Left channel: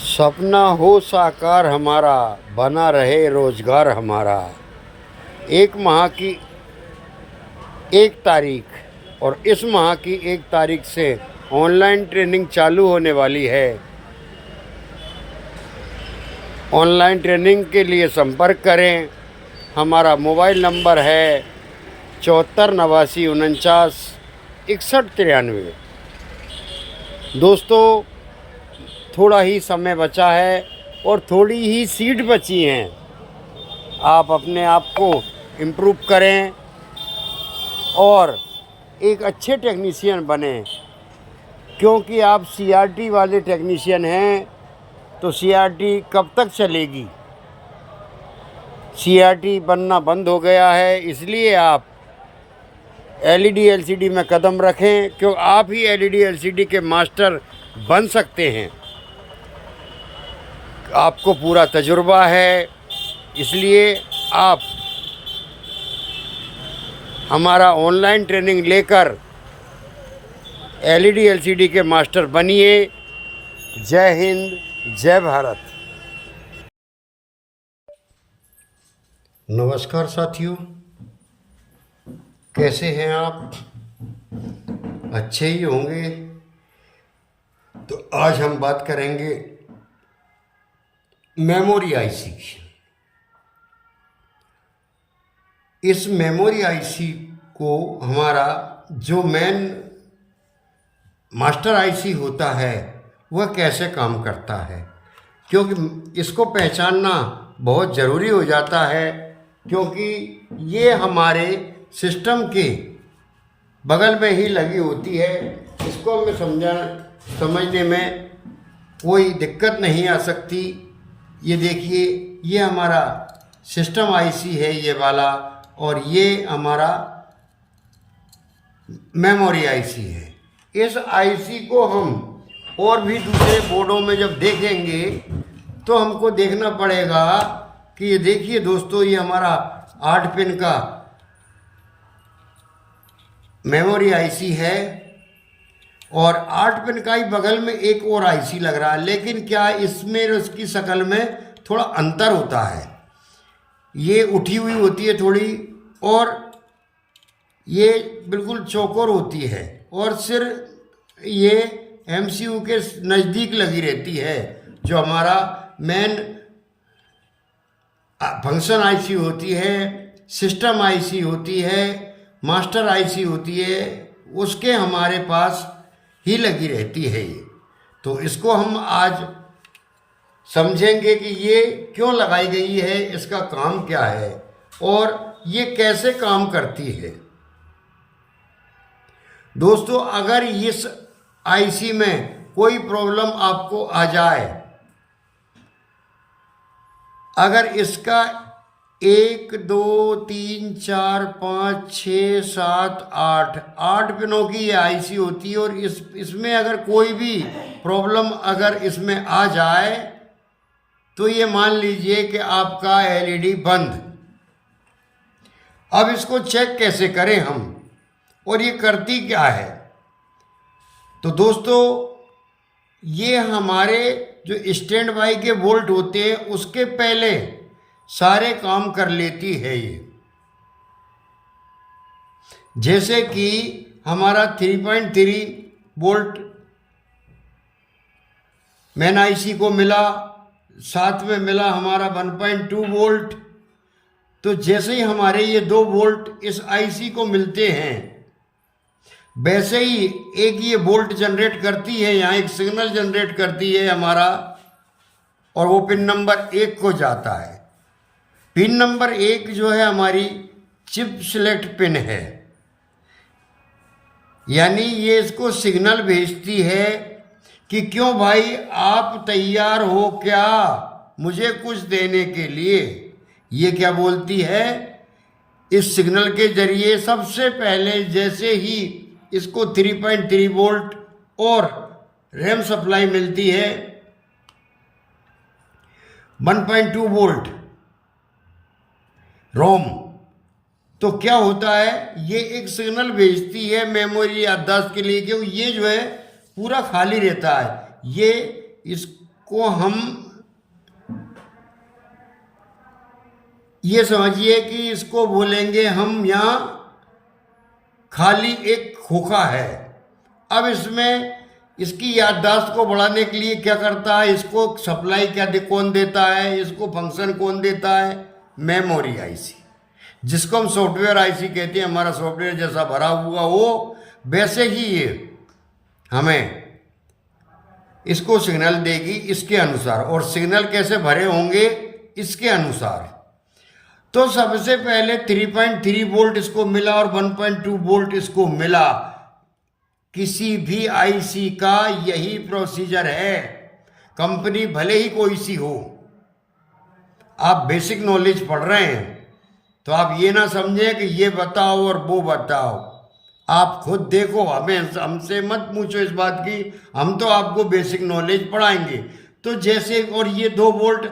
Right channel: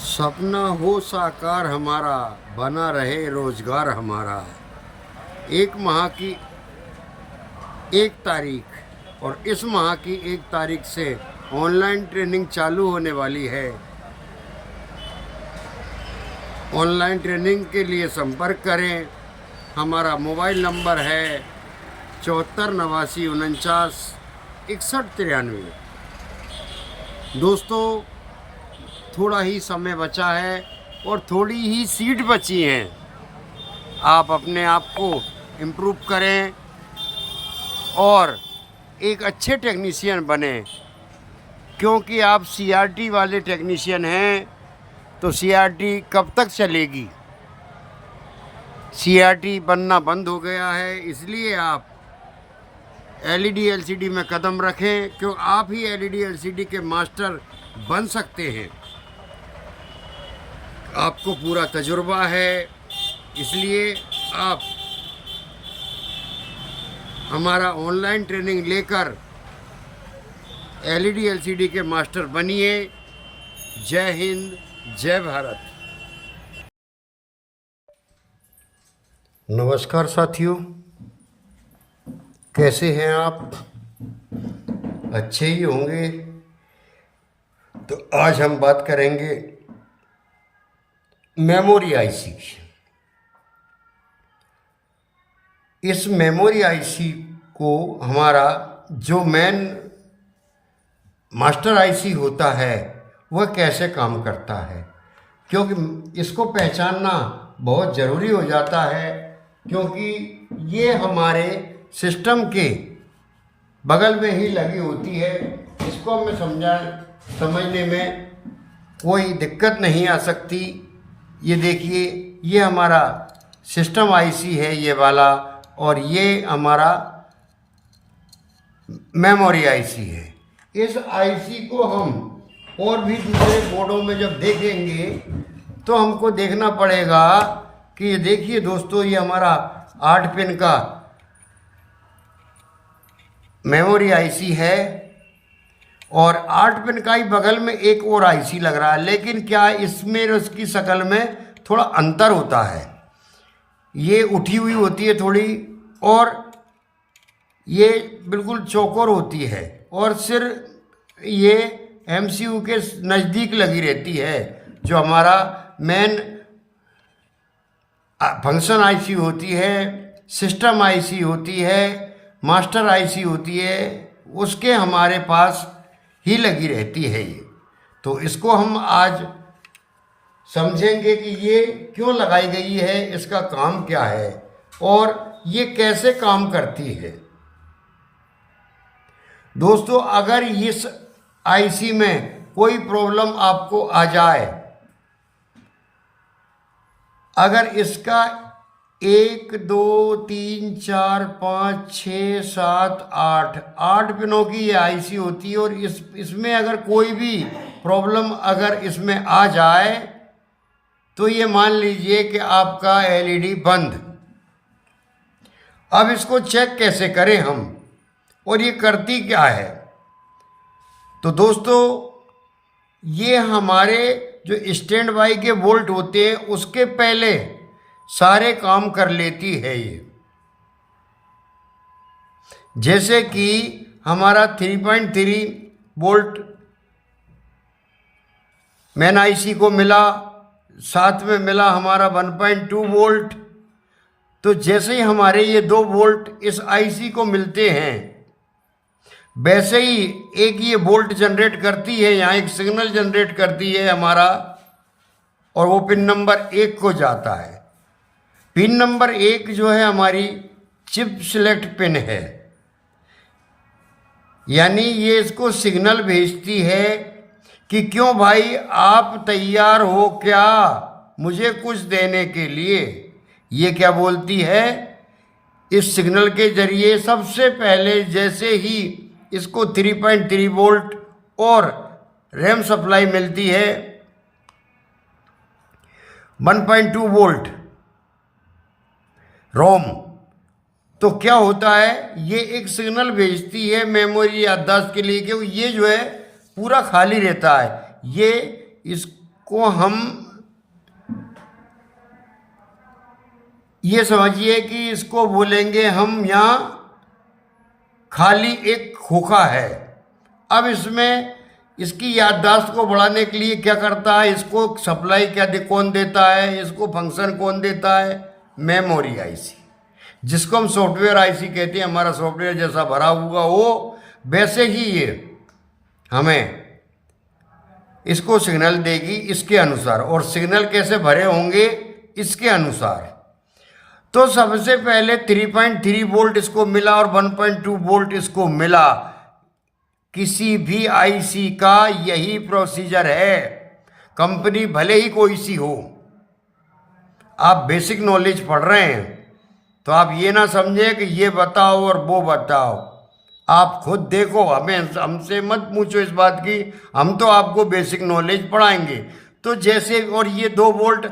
सपना हो साकार हमारा, बना रहे रोजगार हमारा। एक माह की एक तारीख और इस माह की एक तारीख से ऑनलाइन ट्रेनिंग चालू होने वाली है। ऑनलाइन ट्रेनिंग के लिए संपर्क करें। हमारा मोबाइल नंबर है 74 89 49 61 93। दोस्तों, थोड़ा ही समय बचा है और थोड़ी ही सीट बची हैं। आप अपने आप को इम्प्रूव करें और एक अच्छे टेक्नीशियन बने, क्योंकि आप सीआरटी वाले टेक्नीशियन हैं तो सीआरटी कब तक चलेगी। सीआरटी बनना बंद हो गया है, इसलिए आप एलईडी एलसीडी में कदम रखें, क्योंकि आप ही एलईडी एलसीडी के मास्टर बन सकते हैं। आपको पूरा तजुर्बा है, इसलिए आप हमारा ऑनलाइन ट्रेनिंग लेकर एलईडी एलसीडी के मास्टर बनिए। जय हिंद, जय भारत। नमस्कार साथियों, कैसे हैं आप? अच्छे ही होंगे। तो आज हम बात करेंगे मेमोरी आईसी की। इस मेमोरी आईसी को हमारा जो मेन मास्टर आईसी होता है वह कैसे काम करता है, क्योंकि इसको पहचानना बहुत ज़रूरी हो जाता है, क्योंकि ये हमारे सिस्टम के बगल में ही लगी होती है। इसको हमें समझने में कोई दिक्कत नहीं आ सकती। ये देखिए, ये हमारा सिस्टम आईसी है ये वाला, और ये हमारा मेमोरी आईसी है। इस आईसी को हम और भी दूसरे बोर्डों में जब देखेंगे तो हमको देखना पड़ेगा कि ये देखिए दोस्तों, ये हमारा 8 पिन का मेमोरी आईसी है और 8 पिन का ही बगल में एक और आईसी लग रहा है, लेकिन क्या इसमें और इसकी शक्ल में थोड़ा अंतर होता है। ये उठी हुई होती है थोड़ी, और ये बिल्कुल चौकोर होती है, और सिर ये एमसीयू के नज़दीक लगी रहती है। जो हमारा मेन फंक्शन आईसी होती है, सिस्टम आईसी होती है, मास्टर आईसी होती है, उसके हमारे पास ही लगी रहती है ये। तो इसको हम आज समझेंगे कि ये क्यों लगाई गई है, इसका काम क्या है और ये कैसे काम करती है। दोस्तों, अगर इस आईसी में कोई प्रॉब्लम आपको आ जाए, अगर इसका 1 2 3 4 5 6 7 8 पिनों की ये आईसी होती है, और इसमें अगर कोई भी प्रॉब्लम अगर इसमें आ जाए तो ये मान लीजिए कि आपका एलईडी बंद। अब इसको चेक कैसे करें हम, और ये करती क्या है? तो दोस्तों, ये हमारे जो स्टैंड बाई के वोल्ट होते हैं उसके पहले सारे काम कर लेती है ये। जैसे कि हमारा 3.3 वोल्ट मेन आईसी को मिला, साथ में मिला हमारा 1.2 वोल्ट। तो जैसे ही हमारे ये 2 वोल्ट इस आईसी को मिलते हैं, वैसे ही एक ये वोल्ट जनरेट करती है, यहाँ एक सिग्नल जनरेट करती है हमारा, और वो पिन नंबर 1 को जाता है। पिन नंबर 1 जो है हमारी चिप सिलेक्ट पिन है, यानी ये इसको सिग्नल भेजती है कि क्यों भाई आप तैयार हो क्या मुझे कुछ देने के लिए। ये क्या बोलती है, इस सिग्नल के जरिए सबसे पहले जैसे ही इसको 3.3 वोल्ट और रैम सप्लाई मिलती है 1.2 वोल्ट रोम, तो क्या होता है, ये एक सिग्नल भेजती है मेमोरी याददाश्त के लिए कि ये जो है पूरा खाली रहता है। ये इस को हम ये समझिए कि इसको बोलेंगे हम यहाँ खाली एक खोखा है। अब इसमें इसकी याददाश्त को बढ़ाने के लिए क्या करता है, इसको सप्लाई कौन देता है, इसको फंक्शन कौन देता है, मेमोरी आईसी, जिसको हम सॉफ्टवेयर आईसी कहते हैं। हमारा सॉफ्टवेयर जैसा भरा हुआ हो वैसे ही ये हमें इसको सिग्नल देगी इसके अनुसार। और सिग्नल कैसे भरे होंगे इसके अनुसार। तो सबसे पहले 3.3 वोल्ट इसको मिला और 1.2 वोल्ट इसको मिला। किसी भी आईसी का यही प्रोसीजर है, कंपनी भले ही कोई सी हो। आप बेसिक नॉलेज पढ़ रहे हैं तो आप ये ना समझें कि ये बताओ और वो बताओ। आप खुद देखो, हमें हमसे मत पूछो इस बात की, हम तो आपको बेसिक नॉलेज पढ़ाएंगे। तो जैसे, और ये 2 वोल्ट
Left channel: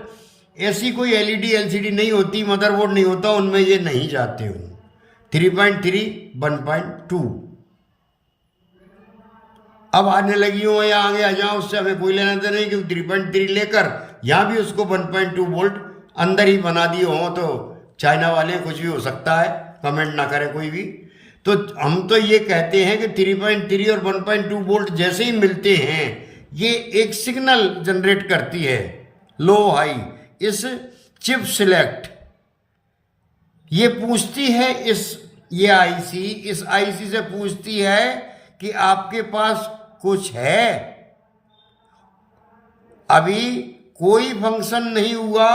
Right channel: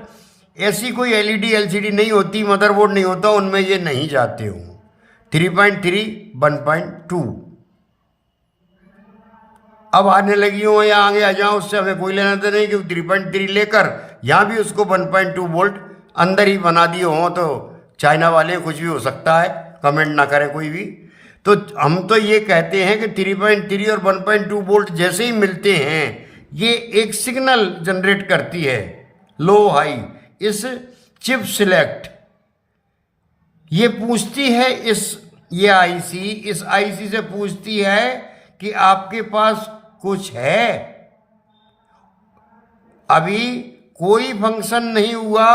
ऐसी कोई एलईडी एलसीडी नहीं होती, मदरबोर्ड नहीं होता, उनमें ये नहीं जाते हो। 3.3 1.2 अब आने लगी हो या आगे आ जाओ, उससे हमें कोई लेना देना नहीं, क्योंकि 3.3 लेकर यहाँ भी उसको 1.2 वोल्ट अंदर ही बना दिए हों तो चाइना वाले कुछ भी हो सकता है, कमेंट ना करें कोई भी। तो हम तो ये कहते हैं कि 3.3 और 1.2 वोल्ट जैसे ही मिलते हैं ये एक सिग्नल जनरेट करती है लो हाई। इस चिप सिलेक्ट ये पूछती है, ये आईसी इस आईसी से पूछती है कि आपके पास कुछ है। अभी कोई फंक्शन नहीं हुआ,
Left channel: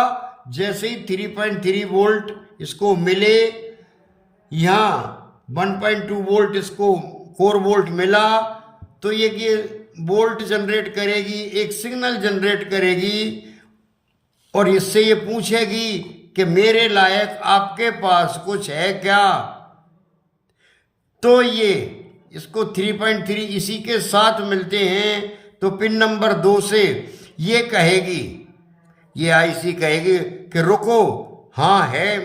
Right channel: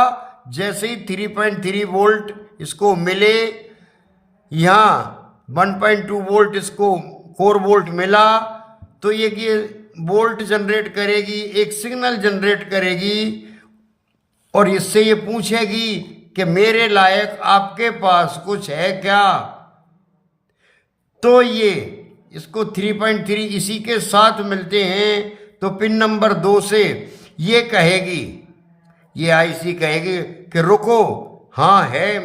जैसे ही 3.3 वोल्ट इसको मिले, यहाँ 1.2 वोल्ट इसको 4 वोल्ट मिला, तो ये वोल्ट जनरेट करेगी, एक सिग्नल जनरेट करेगी और इससे ये पूछेगी कि मेरे लायक आपके पास कुछ है क्या। तो ये इसको 3.3 इसी के साथ मिलते हैं। तो पिन नंबर 2 से ये कहेगी, ये आईसी कहेगी कि रुको, हाँ है,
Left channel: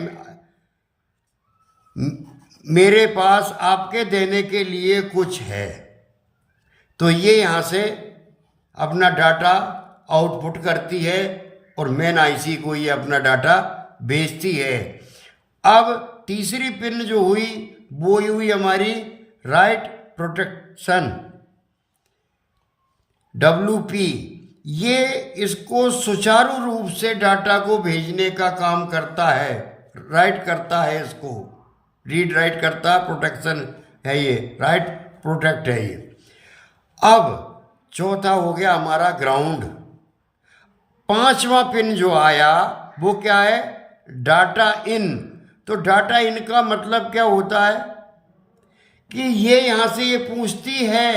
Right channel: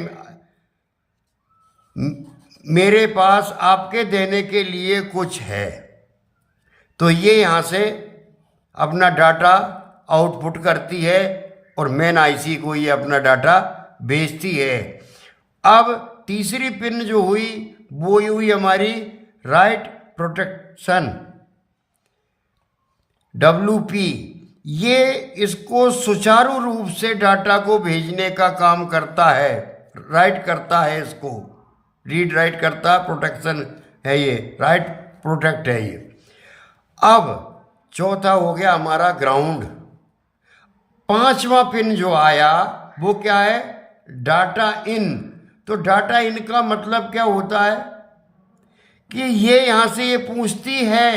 मेरे पास आपके देने के लिए कुछ है। तो ये यहाँ से अपना डाटा आउटपुट करती है और मेन आईसी को ये अपना डाटा भेजती है। अब तीसरी पिन जो हुई वो हुई हमारी राइट प्रोटेक्शन WP। ये इसको सुचारू रूप से डाटा को भेजने का काम करता है, राइट करता है, इसको रीड राइट करता है, प्रोटेक्शन है ये, राइट प्रोटेक्ट है ये। अब चौथा हो गया हमारा ग्राउंड। पांचवा पिन जो आया वो क्या है, डाटा इन। तो डाटा इन का मतलब क्या होता है कि ये यहाँ से ये पूछती है,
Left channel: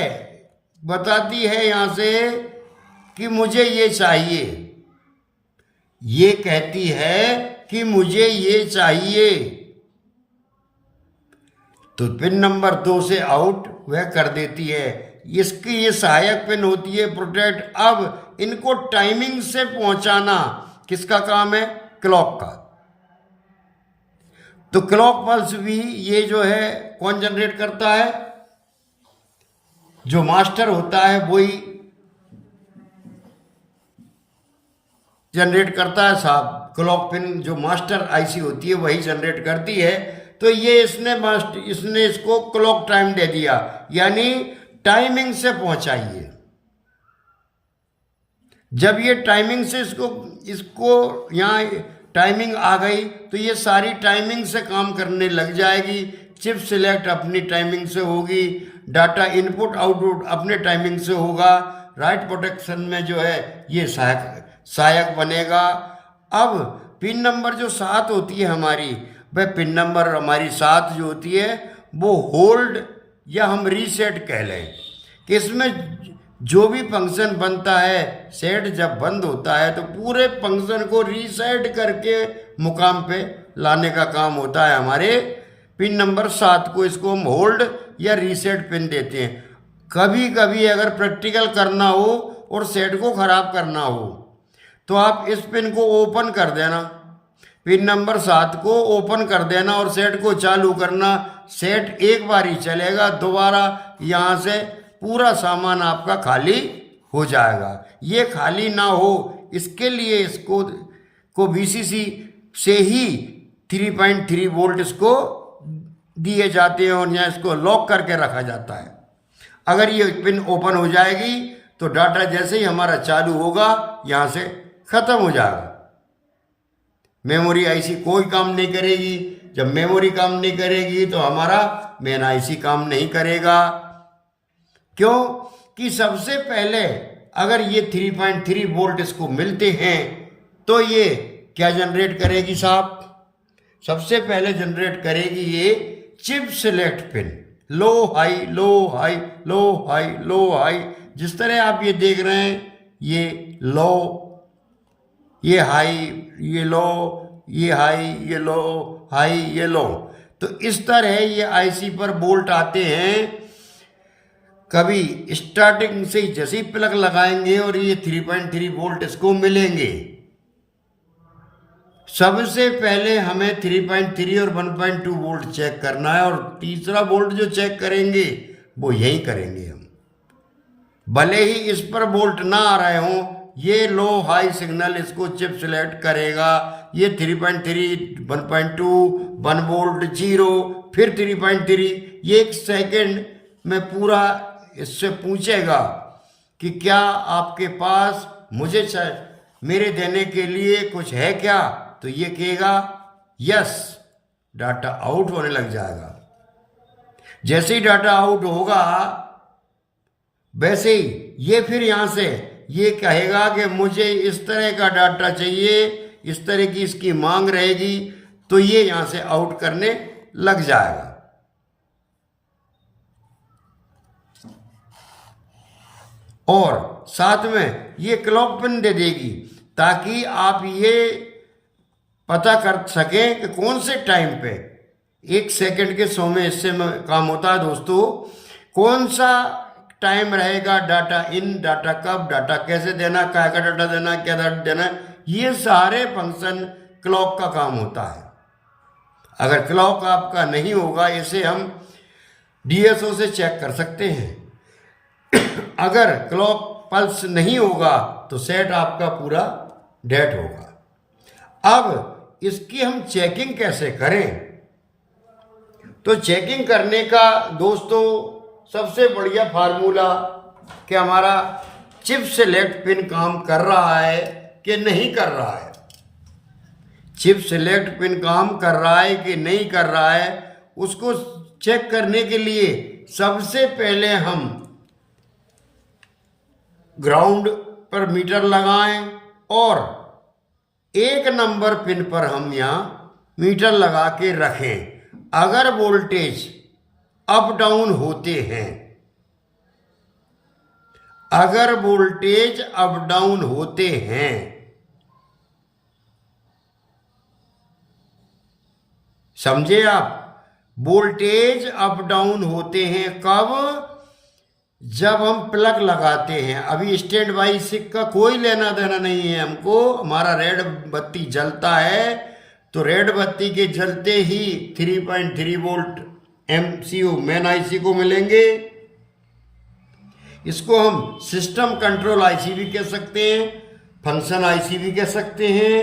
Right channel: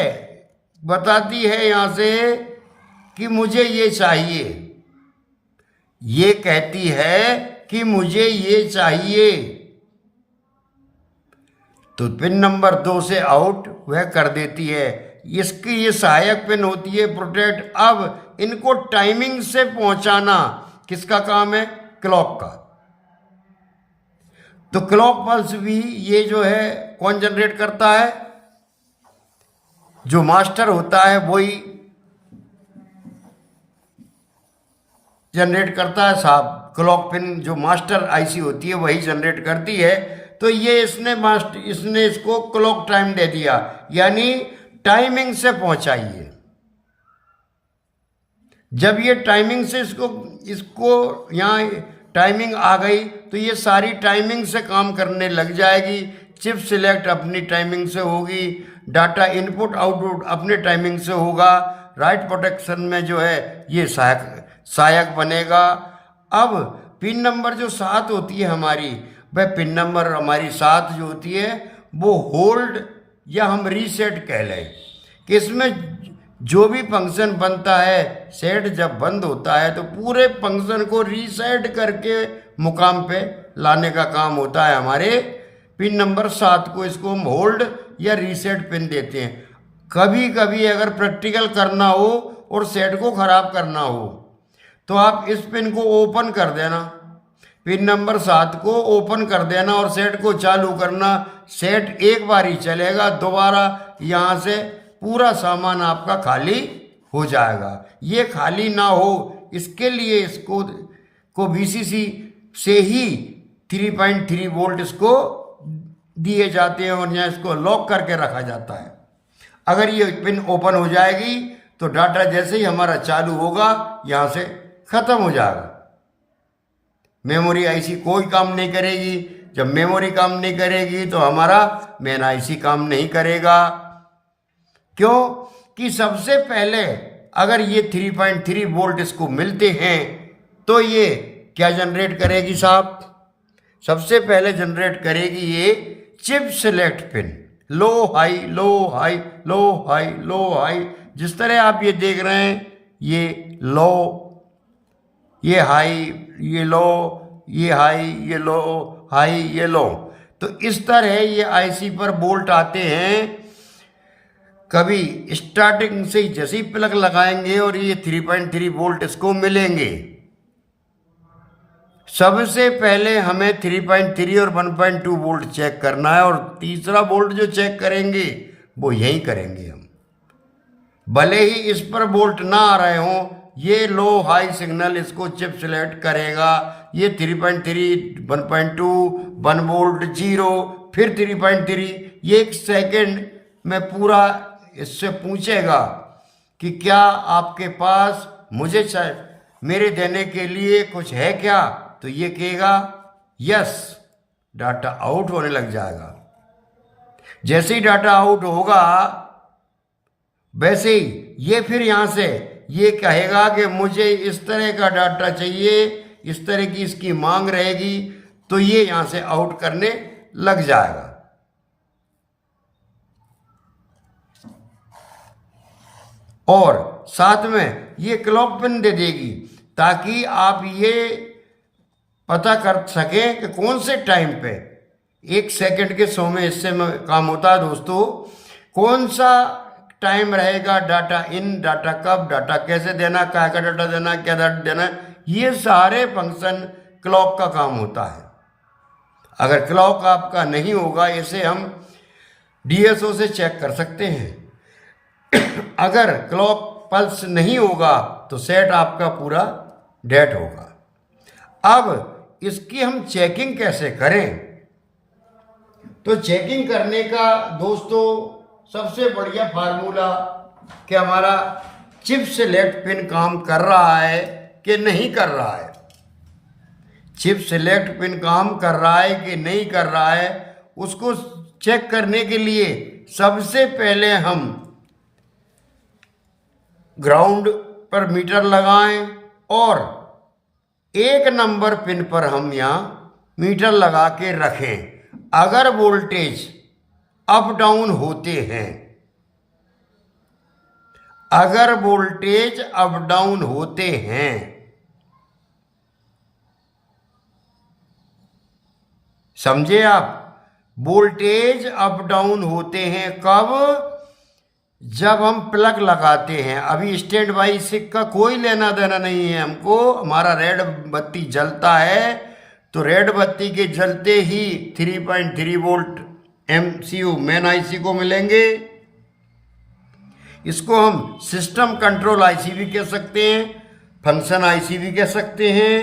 बताती है यहाँ से कि मुझे ये चाहिए, ये कहती है कि मुझे ये चाहिए। तो पिन नंबर 2 से आउट वह कर देती है। इसकी ये सहायक पिन होती है प्रोटेक्ट। अब इनको टाइमिंग से पहुंचाना किसका काम है, क्लॉक का। तो क्लॉक पल्स भी ये जो है कौन जनरेट करता है, जो मास्टर होता है वही जनरेट करता है साहब। क्लॉक पिन जो मास्टर आईसी होती है वही जनरेट करती है। तो ये इसने इसको क्लॉक टाइम दे दिया, यानी टाइमिंग से पहुंचाइए। जब ये टाइमिंग से इसको यहाँ टाइमिंग आ गई तो ये सारी टाइमिंग से काम करने लग जाएगी। चिप सिलेक्ट अपनी टाइमिंग से होगी, डाटा इनपुट आउटपुट अपने टाइमिंग से होगा। राइट प्रोटेक्शन में जो है ये सहायक बनेगा। अब पिन नंबर जो 7 होती है हमारी, वह पिन नंबर हमारी 7 जो होती है वो होल्ड या हम रीसेट कह लें कि इसमें जो भी फंक्शन बनता है, सेट जब बंद होता है तो पूरे फंक्शन को रीसेट करके मुकाम पे लाने का काम होता है हमारे पिन नंबर 7 को। इसको हम होल्ड या रीसेट पिन देते हैं। कभी कभी अगर प्रैक्टिकल करना हो और सेट को ख़राब करना हो तो आप इस पिन को ओपन कर देना, पिन नंबर 7 को ओपन कर देना और सेट को चालू करना। सेट एक बार ही चलेगा, दोबारा यहाँ से पूरा सामान आपका खाली हो जाएगा। ये खाली ना हो इसके लिए इसको VCC से ही 3.3 वोल्ट इसको दिए जाते हैं और यहाँ इसको लॉक करके रखा जाता है। अगर ये पिन ओपन हो जाएगी तो डाटा जैसे ही हमारा चालू होगा यहाँ से ख़त्म हो जाएगा। मेमोरी आईसी कोई काम नहीं करेगी। जब मेमोरी काम नहीं करेगी तो हमारा मेन आईसी काम नहीं करेगा। क्यों कि सबसे पहले अगर ये 3.3 वोल्ट इसको मिलते हैं तो ये क्या जनरेट करेगी साहब? सबसे पहले जनरेट करेगी ये chip select pin, low high low high low high low high. जिस तरह आप ये देख रहे हैं, ये लो, ये हाई, ये लो, ये हाई, ये लो, हाई, ये लो। तो इस तरह ये आईसी पर वोल्ट आते हैं। कभी स्टार्टिंग से ही जैसे ही प्लग लगाएंगे और ये 3.3 वोल्ट इसको मिलेंगे। सबसे पहले हमें 3.3 और 1.2 वोल्ट चेक करना है और तीसरा वोल्ट जो चेक करेंगे वो यही करेंगे हम। भले ही इस पर वोल्ट ना आ रहे हों, ये लो हाई सिग्नल इसको चिप सिलेक्ट करेगा। ये 3.3, 1.2, 1 वोल्ट, 0, फिर 3.3। ये 1 सेकेंड में पूरा इससे पूछेगा कि क्या आपके पास मुझे मेरे देने के लिए कुछ है क्या? तो ये कहेगा यस, डाटा आउट होने लग जाएगा। जैसे ही डाटा आउट होगा वैसे ही ये फिर यहाँ से ये कहेगा कि मुझे इस तरह का डाटा चाहिए, इस तरह की इसकी मांग रहेगी, तो ये यहाँ से आउट करने लग जाएगा। और साथ में ये क्लॉक पिन दे देगी ताकि आप ये पता कर सकें कि कौन से टाइम पे 1 सेकंड के 100 में इससे काम होता है दोस्तों। कौन सा टाइम रहेगा, डाटा इन, डाटा कब, डाटा कैसे देना, क्या का डाटा देना, क्या डाटा देना, ये सारे फंक्शन क्लॉक का काम होता है। अगर क्लॉक आपका नहीं होगा, इसे हम DSO से चेक कर सकते हैं। अगर क्लॉक पल्स नहीं होगा तो सेट आपका पूरा डेड होगा। अब इसकी हम चेकिंग कैसे करें? तो चेकिंग करने का दोस्तों सबसे बढ़िया फार्मूला कि हमारा चिप सेलेक्ट पिन काम कर रहा है कि नहीं कर रहा है। चिप सेलेक्ट पिन काम कर रहा है कि नहीं कर रहा है, उसको चेक करने के लिए सबसे पहले हम ग्राउंड पर मीटर लगाएं और 1 नंबर पिन पर हम यहाँ मीटर लगा के रखें। अगर वोल्टेज अप डाउन होते हैं, अगर वोल्टेज अप डाउन होते हैं, समझे आप? वोल्टेज अप डाउन होते हैं कब? जब हम प्लग लगाते हैं। अभी स्टैंड बाई सिक का कोई लेना देना नहीं है हमको। हमारा रेड बत्ती जलता है तो रेड बत्ती के जलते ही 3.3 वोल्ट MCU मेन आईसी को मिलेंगे। इसको हम सिस्टम कंट्रोल आईसी भी कह सकते हैं, फंक्शन आईसी भी कह सकते हैं,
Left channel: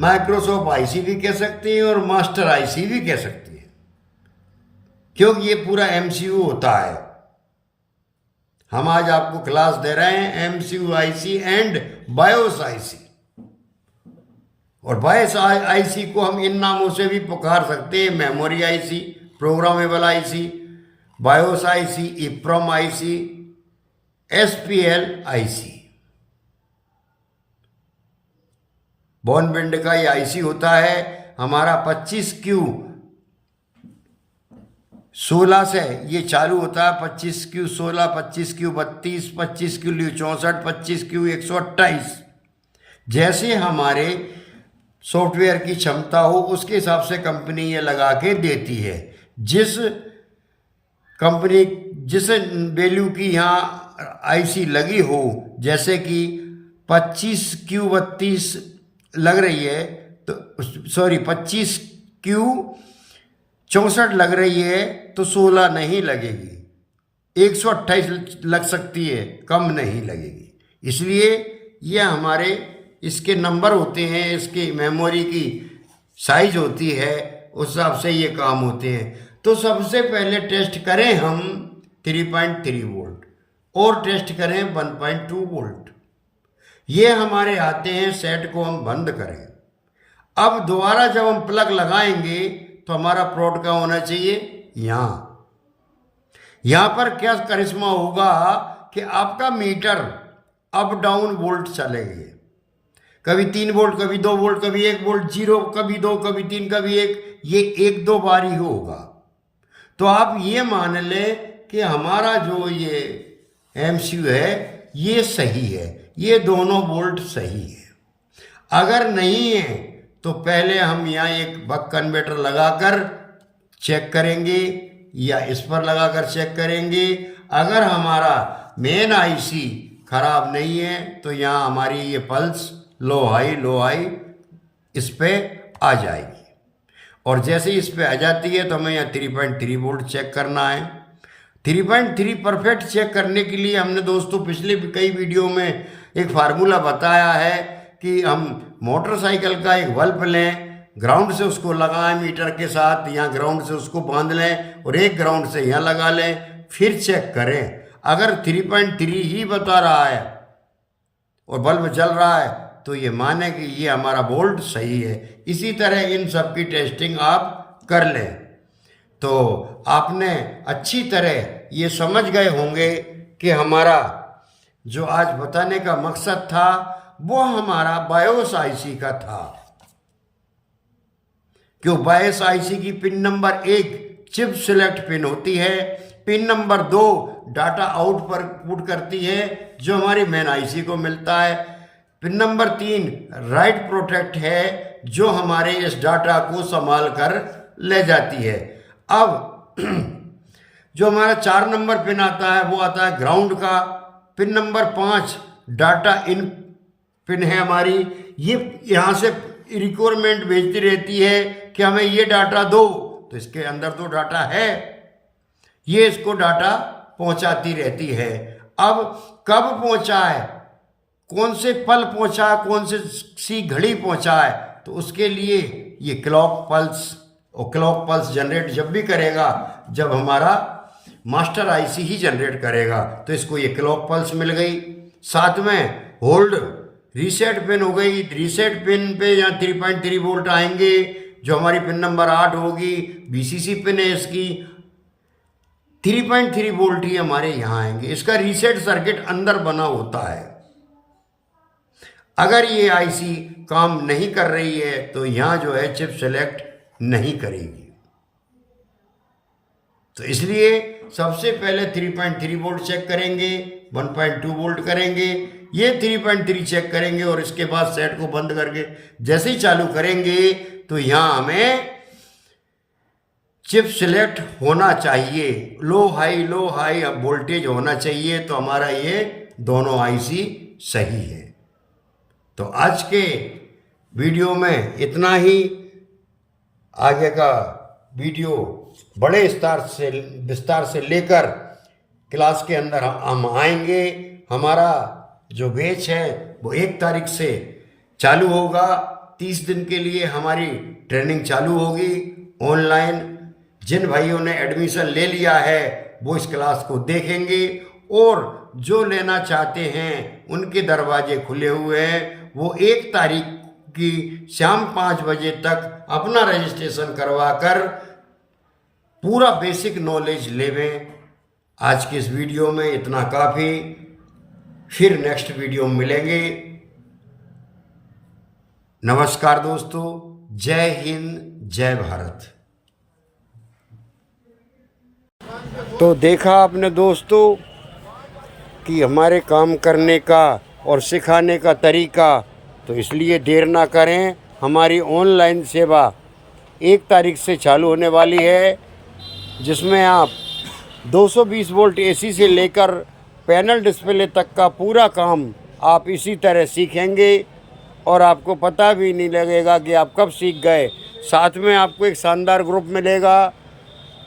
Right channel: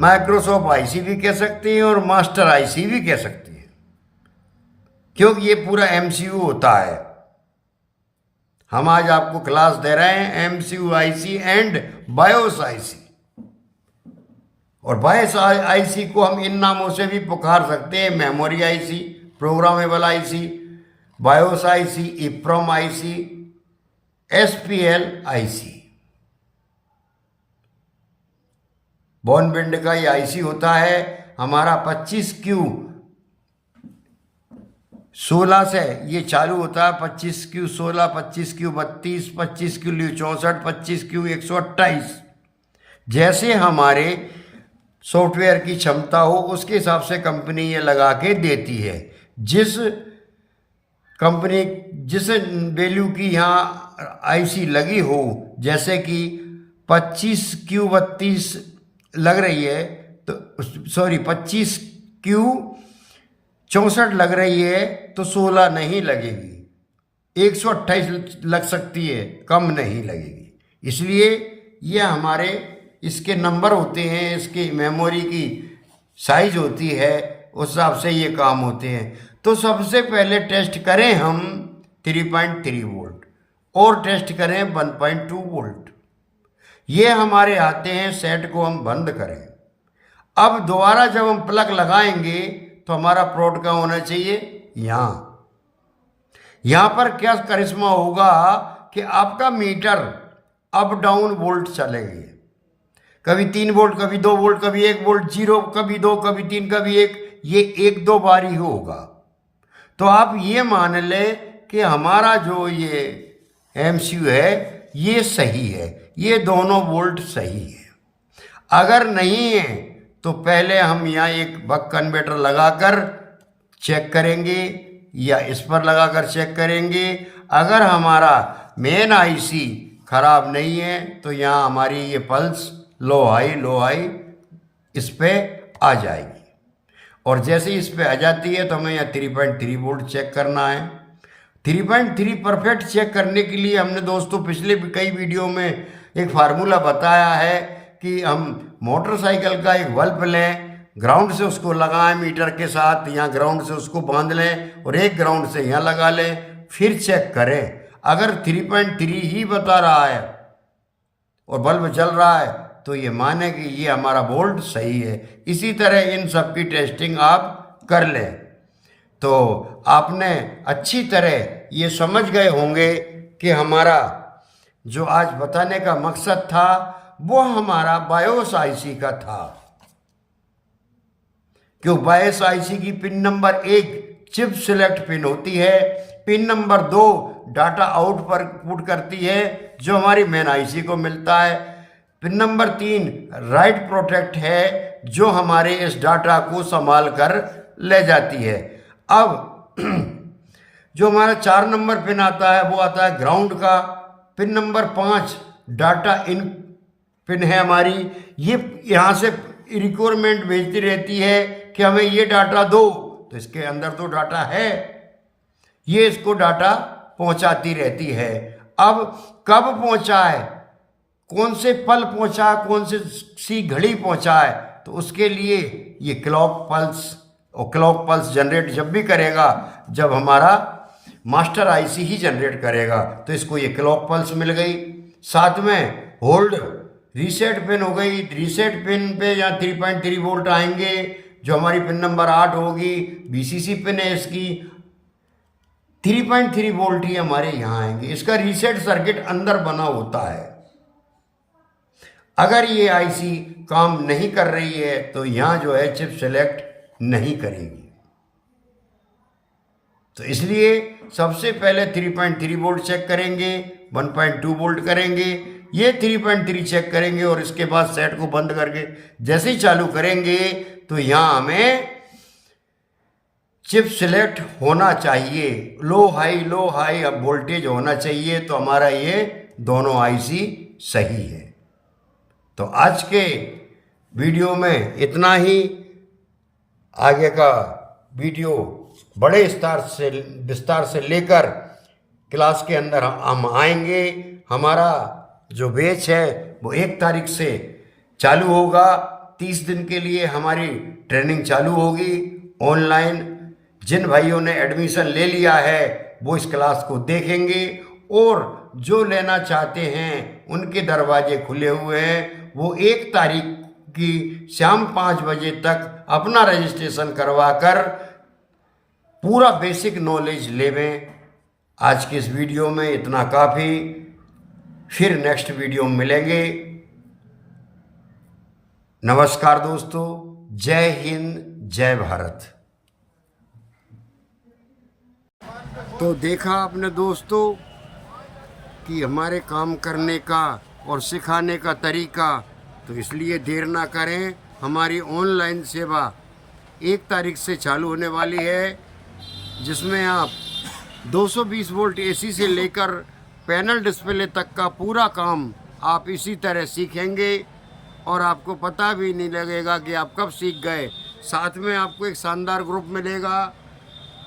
माइक्रोसॉफ्ट आईसी भी कह सकते हैं और मास्टर आईसी भी कह सकते हैं, क्योंकि ये पूरा MCU होता है। हम आज आपको क्लास दे रहे हैं MCU IC and BIOS IC. और बायोस आईसी को हम इन नामों से भी पुकार सकते हैं: memory IC, programmable IC, BIOS IC, EEPROM IC, SPL IC. बॉर्नविंड का ये आईसी होता है हमारा 25Q 16 से ये चालू होता है। 25Q 16, 25Q 32, 25Q 64, 25Q 128। जैसे हमारे सॉफ्टवेयर की क्षमता हो उसके हिसाब से कंपनी ये लगा के देती है। जिस कंपनी जिस वैल्यू की यहाँ आईसी लगी हो, जैसे कि 25Q 32 लग रही है तो सॉरी 25Q 64 लग रही है तो 16 नहीं लगेगी, 128 लग सकती है, कम नहीं लगेगी। इसलिए ये हमारे इसके नंबर होते हैं, इसकी मेमोरी की साइज होती है, उस हिसाब से ये काम होते हैं। तो सबसे पहले टेस्ट करें हम 3.3 वोल्ट और टेस्ट करें 1.2 वोल्ट। ये हमारे आते हैं, सेट को हम बंद करें। अब दोबारा जब हम प्लग लगाएंगे तो हमारा प्रोड का होना चाहिए यहाँ पर क्या करिश्मा होगा कि आपका मीटर अप डाउन वोल्ट चलेगी, कभी 3 वोल्ट, कभी 2 वोल्ट, कभी 1 वोल्ट, 0, कभी 2, कभी 3, कभी 1, ये 1-2 बार ही होगा। तो आप ये मान लें कि हमारा जो ये MCU है ये सही है, ये दोनों वोल्ट सही है। अगर नहीं है तो पहले हम यहाँ एक बक कन्वर्टर लगाकर चेक करेंगे या इस पर लगाकर चेक करेंगे। अगर हमारा मेन IC खराब नहीं है तो यहाँ हमारी ये पल्स लो हाई इस पे आ जाएगी, और जैसे ही इस पे आ जाती है तो हमें यहाँ 3.3 वोल्ट चेक करना है। 3.3 परफेक्ट चेक करने के लिए हमने दोस्तों पिछले कई वीडियो में एक फार्मूला बताया है कि हम मोटरसाइकिल का एक बल्ब लें, ग्राउंड से उसको लगाएं मीटर के साथ, यहाँ ग्राउंड से उसको बांध लें और एक ग्राउंड से यहाँ लगा लें, फिर चेक करें। अगर 3.3 ही बता रहा है और बल्ब जल रहा है तो ये माने कि ये हमारा वोल्ट सही है। इसी तरह इन सब की टेस्टिंग आप कर लें। तो आपने अच्छी तरह ये समझ गए होंगे कि हमारा जो आज बताने का मकसद था वो हमारा बायोस IC का था। क्यों बायोस IC की pin number 1 chip select pin होती है, पिन नंबर 2 डाटा आउट पर पुट करती है जो हमारी मेन IC को मिलता है, पिन नंबर 3 राइट प्रोटेक्ट है जो हमारे इस डाटा को संभाल कर ले जाती है। अब जो हमारा 4 नंबर पिन आता है वो आता है ग्राउंड का। Pin number 5 data in pin है हमारी, ये यहाँ से रिक्वायरमेंट भेजती रहती है कि हमें ये डाटा दो, तो इसके अंदर तो डाटा है, ये इसको डाटा पहुँचाती रहती है। अब कब पहुँचाए, कौन से पल पहुँचाए, कौन से सी घड़ी पहुँचाए, तो उसके लिए ये क्लॉक पल्स, और क्लॉक पल्स जनरेट जब भी करेगा जब हमारा मास्टर IC ही जनरेट करेगा, तो इसको ये क्लॉक पल्स मिल गई। साथ में होल्ड रीसेट पिन हो गई, रीसेट पिन पे यहाँ 3.3 वोल्ट आएंगे जो हमारी पिन नंबर 8 होगी, VCC पिन है इसकी, 3.3 वोल्ट ही हमारे यहाँ आएंगे। इसका रीसेट सर्किट अंदर बना होता है। अगर ये IC काम नहीं कर रही है तो यहाँ जो है चिप सेलेक्ट नहीं करेगी। तो इसलिए सबसे पहले 3.3 वोल्ट चेक करेंगे, 1.2 वोल्ट करेंगे, ये 3.3 चेक करेंगे और इसके बाद सेट को बंद करके जैसे ही चालू करेंगे तो यहाँ हमें चिप सिलेक्ट होना चाहिए, लो हाई अब वोल्टेज होना चाहिए, तो हमारा ये दोनों IC सही है। तो आज के वीडियो में इतना ही। आगे का वीडियो बड़े विस्तार से लेकर क्लास के अंदर हम आएंगे। हमारा जो बैच है वो 1 तारीख से चालू होगा, 30 दिन के लिए हमारी ट्रेनिंग चालू होगी ऑनलाइन। जिन भाइयों ने एडमिशन ले लिया है वो इस क्लास को देखेंगे और जो लेना चाहते हैं उनके दरवाजे खुले हुए हैं। वो 1 तारीख की शाम 5 बजे तक अपना रजिस्ट्रेशन करवाकर पूरा बेसिक नॉलेज लेवें। आज की इस वीडियो में इतना काफ़ी, फिर नेक्स्ट वीडियो में मिलेंगे। नमस्कार दोस्तों, जय हिंद, जय भारत। तो देखा आपने दोस्तों कि हमारे काम करने का और सिखाने का तरीका, तो इसलिए देर ना करें। हमारी ऑनलाइन सेवा 1 तारीख से चालू होने वाली है, जिसमें आप 220 वोल्ट AC से लेकर पैनल डिस्प्ले तक का पूरा काम आप इसी तरह सीखेंगे और आपको पता भी नहीं लगेगा कि आप कब सीख गए। साथ में आपको एक शानदार ग्रुप मिलेगा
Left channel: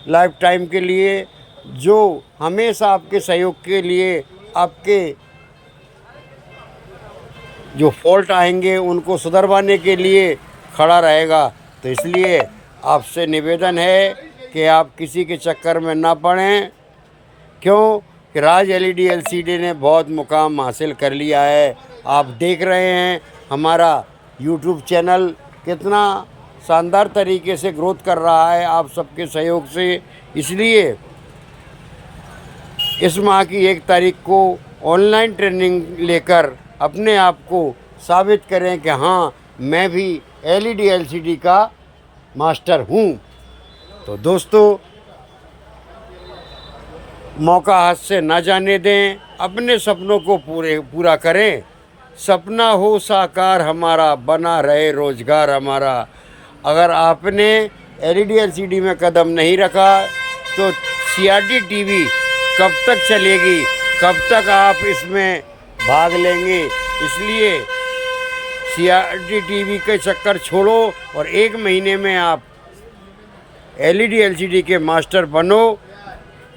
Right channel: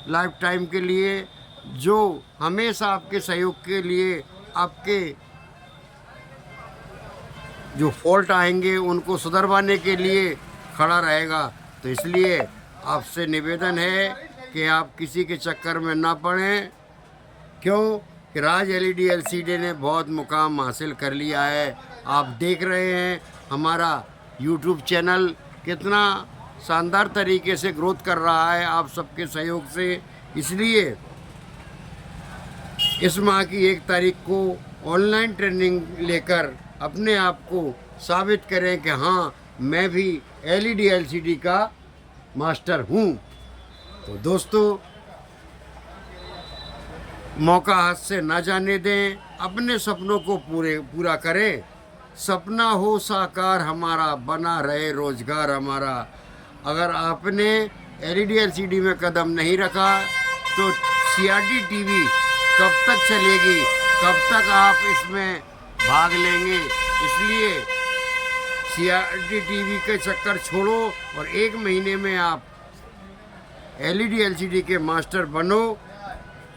लाइफ टाइम के लिए, जो हमेशा आपके सहयोग के लिए, आपके जो फॉल्ट आएंगे उनको सुधरवाने के लिए खड़ा रहेगा। तो इसलिए आपसे निवेदन है कि आप किसी के चक्कर में ना पड़ें। क्यों कि राज एलईडी एलसीडी ने बहुत मुकाम हासिल कर लिया है। आप देख रहे हैं हमारा यूट्यूब चैनल कितना शानदार तरीके से ग्रोथ कर रहा है आप सबके सहयोग से। इसलिए इस माह की 1 तारीख को ऑनलाइन ट्रेनिंग लेकर अपने आप को साबित करें कि हाँ, मैं भी एलईडी एलसीडी का मास्टर हूँ। तो दोस्तों, मौका हाथ से ना जाने दें, अपने सपनों को पूरा करें। सपना हो साकार हमारा, बना रहे रोजगार हमारा। अगर आपने एलईडी एलसीडी में कदम नहीं रखा तो सीआरटी टीवी कब तक चलेगी, कब तक आप इसमें भाग लेंगे। इसलिए सीआरटी टीवी के चक्कर छोड़ो और 1 महीने में आप एलईडी एलसीडी के मास्टर बनो।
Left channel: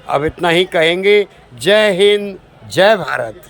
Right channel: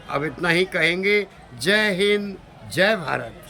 अब इतना ही कहेंगे। जय हिंद, जय भारत।